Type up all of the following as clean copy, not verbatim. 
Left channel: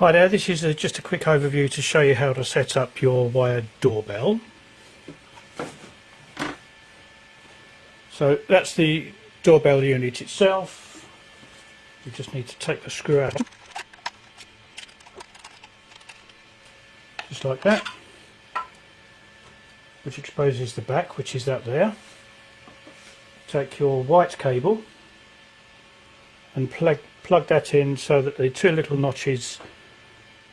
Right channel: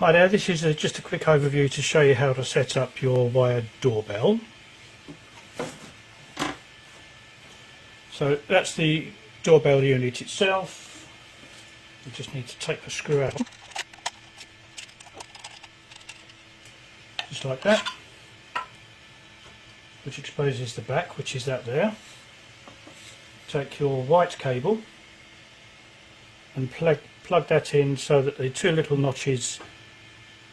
Hi there, this is just a quick overview to show you how to set up your wired doorbell. So that's the doorbell unit itself. You just need to take the screw out, just like that, which exposes the back, which is that there. Take your white cable and plug that in so that the two little notches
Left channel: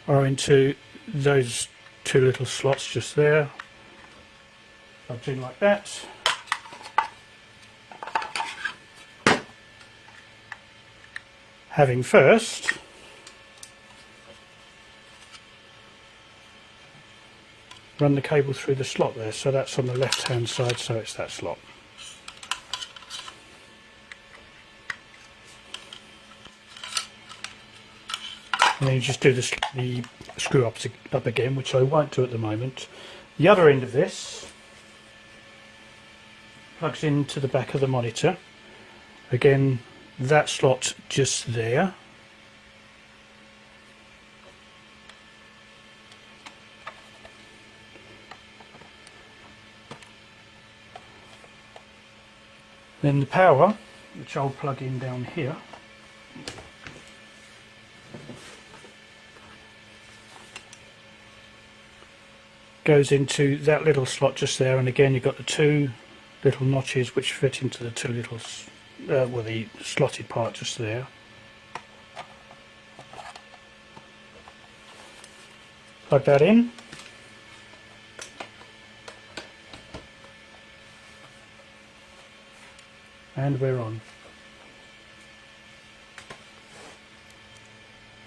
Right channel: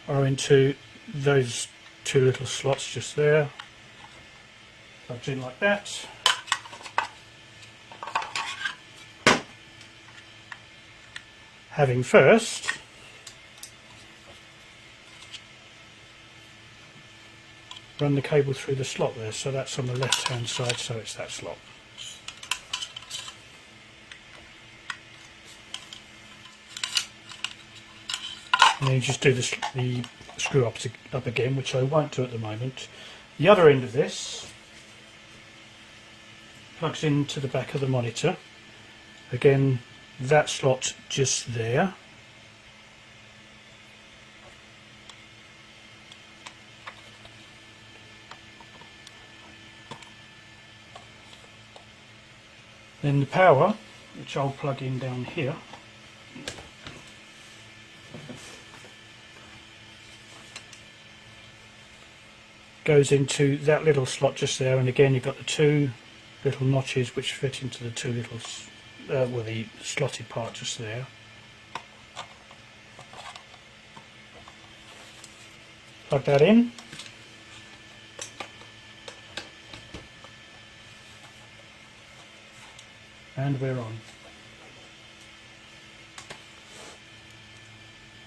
are into those two little slots just there. Plugged in like that. Having first run the cable through the slot there, so that's on the left hand side, so it's that slot. And then you just do the screw up again, which I won't do at the moment. The other end of this plugs into the back of the monitor. Again, that slot just there. Then the power, which I'll plug in down here. Goes into that little slot just there, and again you've got the two little notches which fit into the two little, well, the slotted part just there. Plug that in. And we're on.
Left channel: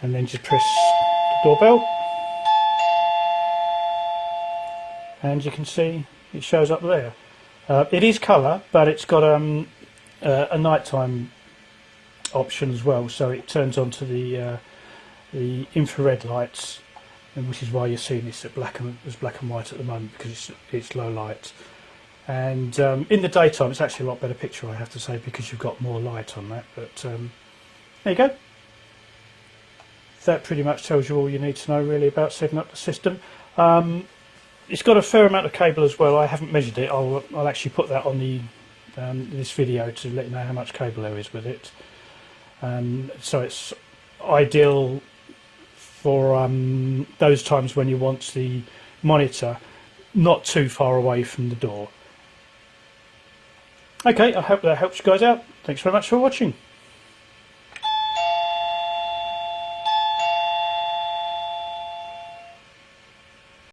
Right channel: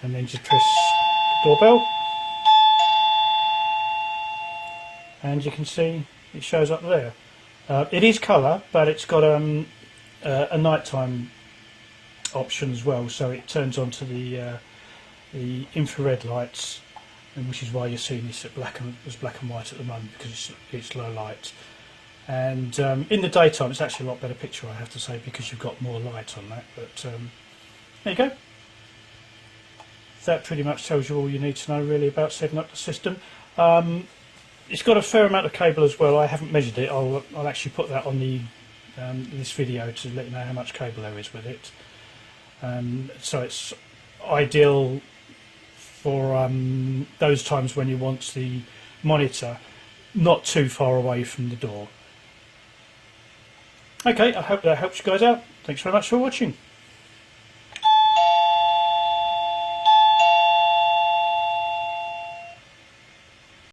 And then just press the doorbell. And you can see it shows up there. It is colour, but it's got a nighttime option as well, so it turns on to the infrared lights, and which is why you're seeing this as black and white at the moment, because it's low light. And in the daytime, it's actually a lot better picture, I have to say, because you've got more light on that. But there you go. That pretty much tells you all you need to know really about setting up the system. It's got a fair amount of cable as well. I haven't measured it. I'll actually put that on the this video to let you know how much cable there is with it. So it's ideal for those times when you want the monitor not too far away from the door. Okay, I hope that helps you guys out. Thanks very much for watching.